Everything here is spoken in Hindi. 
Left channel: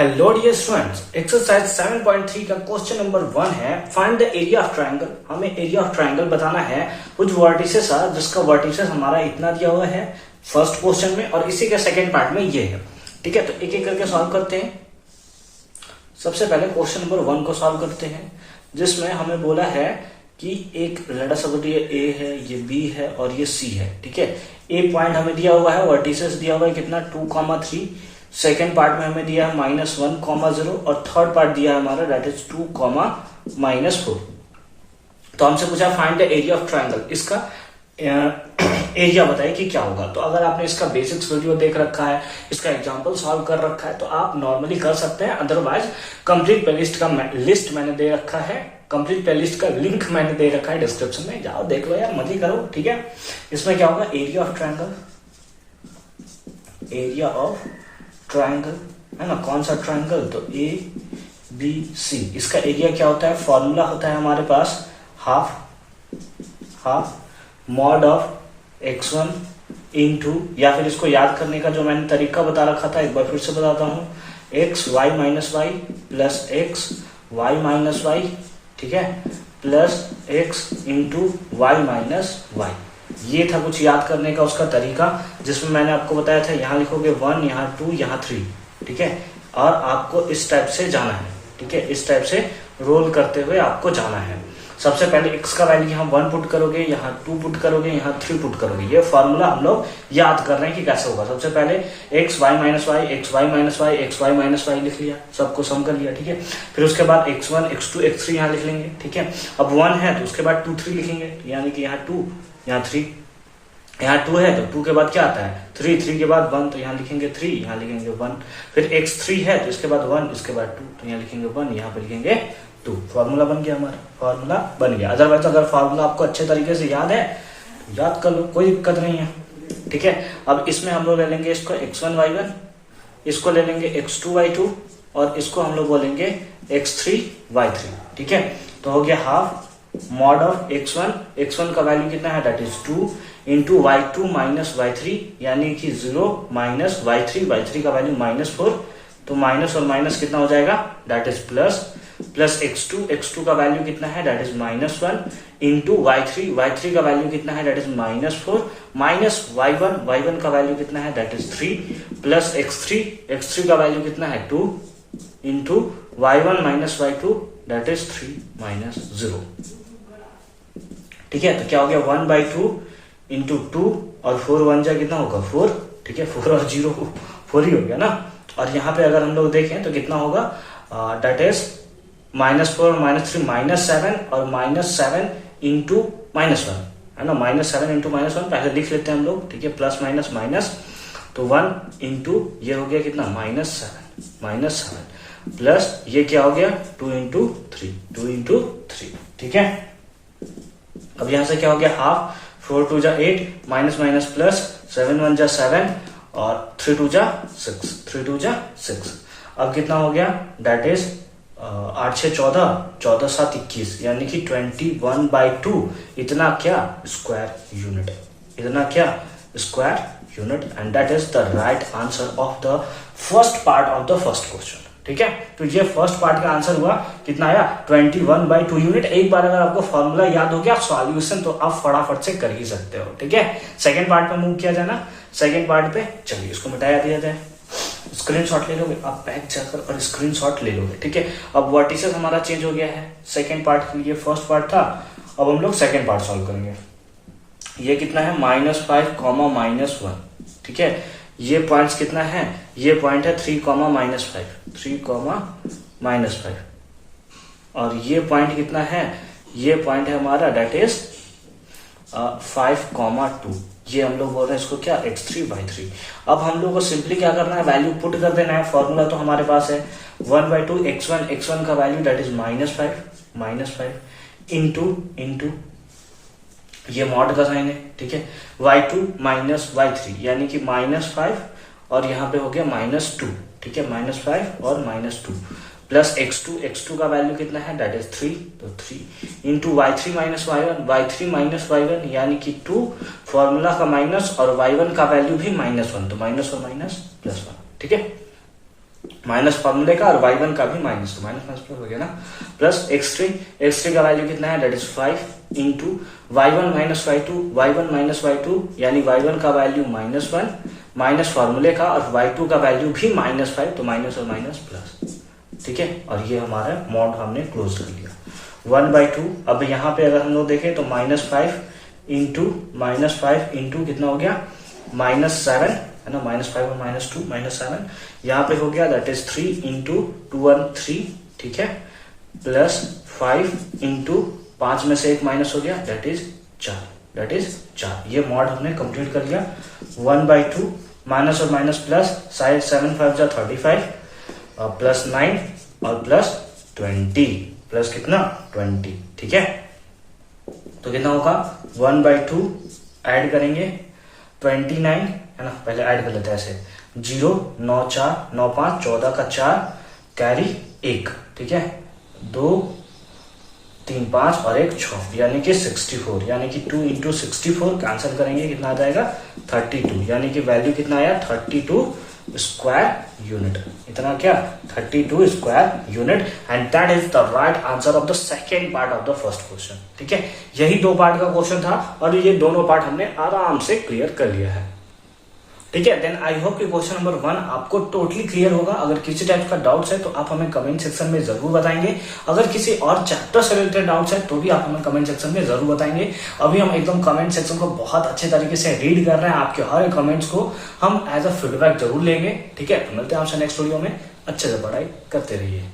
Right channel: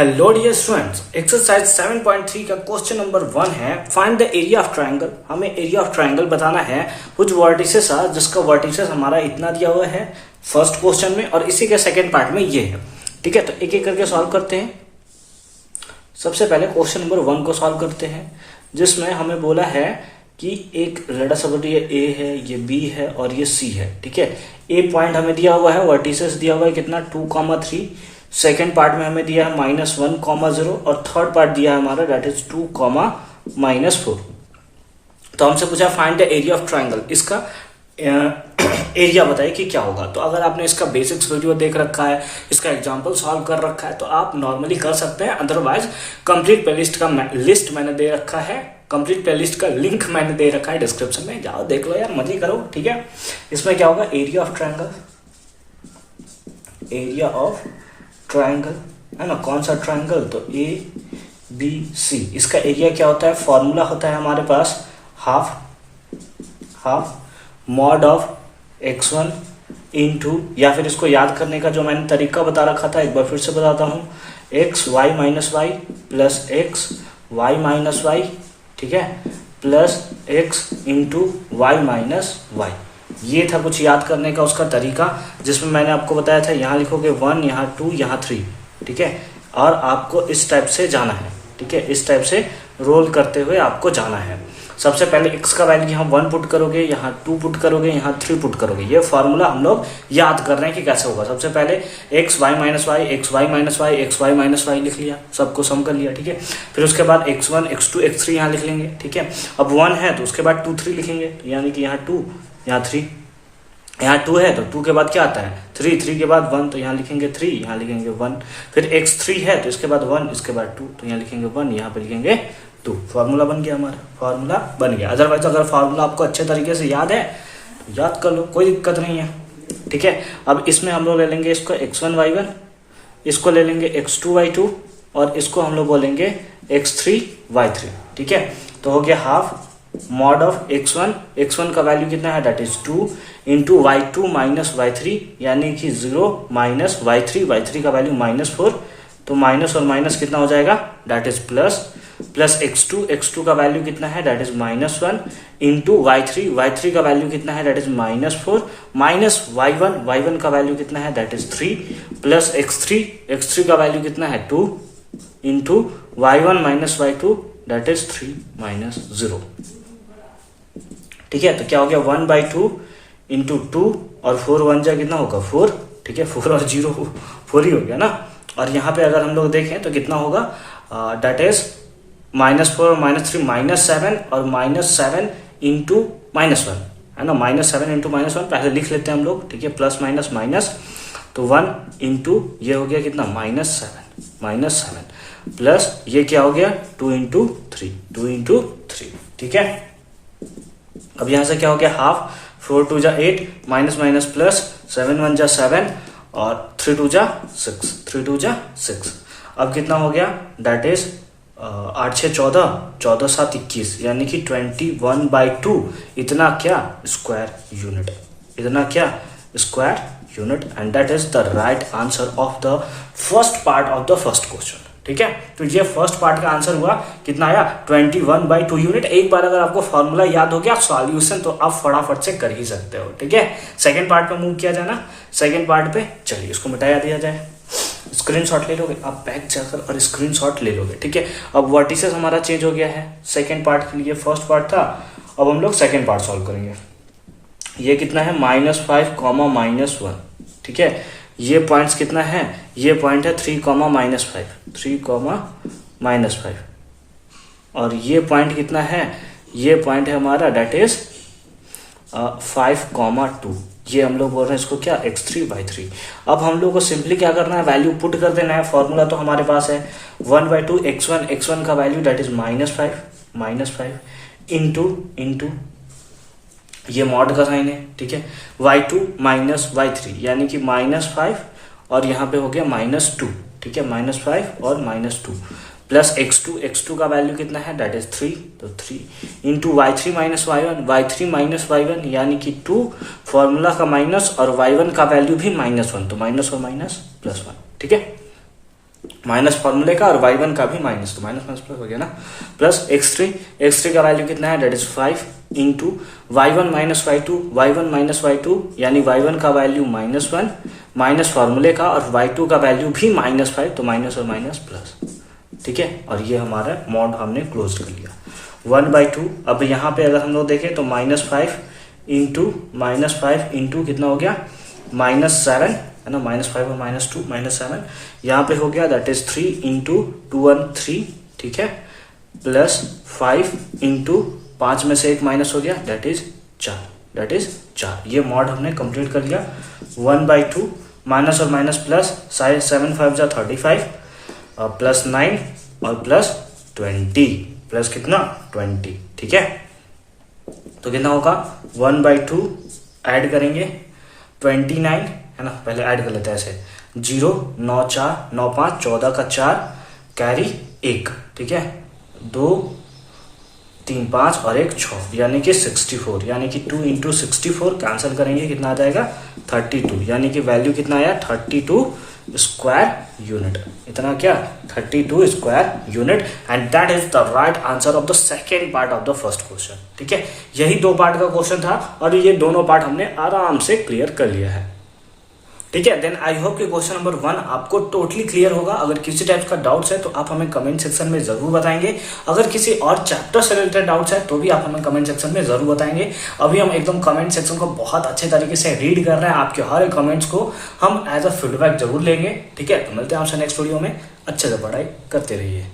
हेलो डियर स्टूडेंट्स, एक्सरसाइज 7.3 का क्वेश्चन नंबर 1 है find the area of triangle. हमें एरिया ऑफ ट्रायंगल बताना है कुछ वर्टिसेस है जिसका वर्टिसेस हमारा इतना दिया हुआ है फर्स्ट क्वेश्चन में और इसी के सेकंड पार्ट में ये है। ठीक है, तो एक एक करके सॉल्व करते हैं। सबसे पहले क्वेश्चन नंबर 1 को सॉल्व करते हैं जिसमें हमें बोला है कि एक लड़ा सब ये ए है, ये बी है और ये सी है। ठीक है, ए पॉइंट हमें दिया हुआ है, वर्टिसेस दिया हुआ है कितना 2,3। सेकेंड पार्ट में हमें दिया है -1,0 और थर्ड पार्ट दिया है हमारा डेट इज 2,-4। तो हमसे पूछा find the area of triangle, इसका एरिया बताइए कि क्या होगा। तो अगर आपने इसका बेसिक्स वीडियो देख रखा है, इसका एग्जांपल सॉल्व कर रखा है तो आप नॉर्मली कर सकते हैं। अदरवाइज कंप्लीट प्लेलिस्ट का लिस्ट मैंने दे रखा है, कंप्लीट प्लेलिस्ट का लिंक मैंने दे रखा है डिस्क्रिप्शन में, जाओ देख लो यार, मजे करो। ठीक है, इसमें क्या होगा area of triangle, area of triangle है ना, कौन सा ट्रायंगल, तो ए बी सी। इसका एरिया क्या होता है, फॉर्मूला होता है हमारे पास half mod of x1 into, या फिर इसको याद करने का जो मैंने तरीका बता रखा था एक बार फिर से बताता हूं, x y minus Y plus x y minus Y, ठीक है, plus x into Y minus Y. ये था कुछ याद करने का उसका तरीका, जिसमें मैंने आपको बताया था यहाँ लिखोगे 1, यहाँ 2, यहाँ 3। ठीक है, और आपको इस टाइप से जाना है। ठीक है, इस टाइप से रोल करते हुए आपको जाना है। सबसे पहले x का वैल्यू यहाँ 1 पुट करोगे, यहाँ 2 पुट करोगे, यहाँ 3 पुट करोगे। ये फॉर्मूला हम लोग याद कर रहे हैं कि कैसे होगा। सबसे पहले x y minus Y, x y minus Y, x y minus Y लिख लिया, सबको सम कर लिया। ठीक है, फिर उसके बाद x1 x2 x3 यहाँ लिख लेंगे। ठीक है, अब 1 है तो उसके बाद 2 3 लिखेंगे, यानी कि यहाँ 2 यहाँ 3, यहाँ 2 है तो 2 के बाद क्या आता है 3, 3 के बाद 1 तो यहाँ लिखेंगे 3, यहाँ लिखेंगे 1। फिर x3 है तो इसके बाद 1, इसके बाद 2 तो यहाँ लिखेंगे 1, यहाँ पे लिखेंगे 2। फॉर्मूला बन गया, हमारा फॉर्मूला बन गया। अदरवाइज अगर फॉर्मूला आपको अच्छे तरीके से याद है याद कर लो, कोई दिक्कत नहीं है। ठीक है, अब इसमें हम लोग ले लेंगे इसको x1 y1, इसको ले लेंगे x2 y2 और इसको हम लोग बोलेंगे x3 y3। ठीक है, तो हो गया हाफ मॉड ऑफ x1 का वैल्यू कितना है that is 2 into y2 minus y3, यानी कि 0 माइनस y3 का वैल्यू -4, तो माइनस और माइनस कितना हो जाएगा दैट इज प्लस x2 का वैल्यू कितना है दैट इज -1 इंटू y3 का वैल्यू कितना है दैट इज -4 माइनस y1 का वैल्यू कितना है दैट इज 3 प्लस x3 का वैल्यू कितना है 2 into y1 minus y2 that is 3 minus 0। ठीक है, तो क्या हो गया 1/2 इंटू 2 और 4 1 जा कितना होगा 4। ठीक है, 4 और 0 4 ही हो गया ना। और यहाँ पे अगर हम लोग देखें तो कितना होगा दैट इज -4 -3 -7 और -7 इंटू -1 है ना, -7 इंटू -1 पहले लिख लेते हैं हम लोग। ठीक है, प्लस माइनस माइनस, तो 1 इंटू ये हो गया कितना -7 प्लस ये क्या हो गया 2 इंटू 3। ठीक है, अब यहां से क्या हो गया हाफ, 4 2 जा 8 माइनस माइनस प्लस 7 1 जा 7 और 3 2 जा 6। अब कितना हो गया दैट इज 8 6 14 7 21, यानी कि 21/2 इतना क्या square unit, and that is the right answer of the first part of the first question. ठीक है, तो ये फर्स्ट पार्ट का आंसर हुआ, कितना आया 21/2 यूनिट। एक बार अगर आपको फॉर्मूला याद हो गया सॉल्यूशन तो आप फटाफट से कर ही सकते हो। ठीक है, सेकंड पार्ट पे मूव किया जाना, सेकंड पार्ट पे चलिए इसको मिटाया दिया जाए। स्क्रीनशॉट ले लोगे आप, बैक जाकर और स्क्रीनशॉट ले लोगे। ठीक है, अब वर्टिसेस हमारा चेंज हो गया है सेकंड पार्ट के लिए, फर्स्ट पार्ट था, अब हम लोग सेकंड पार्ट सॉल्व करेंगे। ये कितना है -5, -1। ठीक है, ये पॉइंट्स कितना है, ये पॉइंट है 3, -5 और ये पॉइंट कितना है, ये पॉइंट है हमारा डेट इज 5, 2। ये हम लोग बोल रहे हैं इसको क्या x3/3। अब हम लोग को सिंपली क्या करना है, वैल्यू पुट कर देना है। फॉर्मूला तो हमारे पास है 1/2 x1 का वैल्यू डेट इज -5 इंटू ये मॉड का साइन है। ठीक है, y2 माइनस y3 यानी कि -5 और यहाँ पे हो गया -2। ठीक है, -5 और -2 प्लस x2 का वैल्यू कितना है दैट इज 3, तो 3 इंटू y3 माइनस y1 यानी कि 2, फॉर्मूला का माइनस और y1 का वैल्यू भी -1, तो माइनस और माइनस +1। ठीक है, माइनस फॉर्मूले का, और y1 का भी माइनस, तो माइनस माइनस प्लस हो गया ना, प्लस x3 का वैल्यू कितना है, that is 5 into y1 minus y2 यानी y1 का वैल्यू -1 माइनस फॉर्मूले का, और y2 का वैल्यू भी -5, तो माइनस और माइनस प्लस, ठीक है। और ये हमारा मॉड हमने क्लोज कर लिया 1/2। अब यहाँ पे अगर हम लोग देखें तो -5 इंटू कितना हो गया, -7 है ना, -5 और -2 -7, यहाँ पे हो गया दैट इज 3 इंटू 2 1 3, ठीक है, प्लस 5 इंटू 5 में से एक माइनस हो गया दैट इज 4। ये मॉड हमने कंप्लीट कर लिया 1/2, माइनस और माइनस प्लस, 7 5 जा 35, प्लस 9 और प्लस 20, प्लस कितना 20, ठीक है। तो कितना होगा 1/2 ऐड करेंगे 29 है ना, पहले ऐड कर लेते हैं ऐसे, 0 9 4 9 5 14 का 4 कैरी 1, ठीक है, 2 3 5 और 1 6 यानी कि 64, यानी कि 2 इंटू 64 कैंसिल करेंगे कितना आ जाएगा 32, यानी कि वैल्यू कितना आया 32 स्क्वायर यूनिट, इतना क्या 32 square unit, and that is the right answer of the second part of the first question, ठीक है। यही 2 पार्ट का क्वेश्चन था और ये दोनों पार्ट हमने आराम से क्लियर कर लिया है, ठीक है। देन आई होप कि क्वेश्चन नंबर 1 आपको टोटली क्लियर होगा। अगर किसी टाइप का डाउट्स है तो आप हमें कमेंट सेक्शन में जरूर बताएंगे। अगर किसी और चैप्टर से रिलेटेड डाउट्स है तो भी आप हमें कमेंट सेक्शन में जरूर बताएंगे। अभी हम एकदम कमेंट सेक्शन को बहुत अच्छे तरीके से रीड कर रहे हैं, आपके हर एक कमेंट्स को हम एज अ फीडबैक जरूर लेंगे, ठीक है। तो मिलते हैं आपसे नेक्स्ट वीडियो में, अच्छे से पढ़ाई करते रहिए।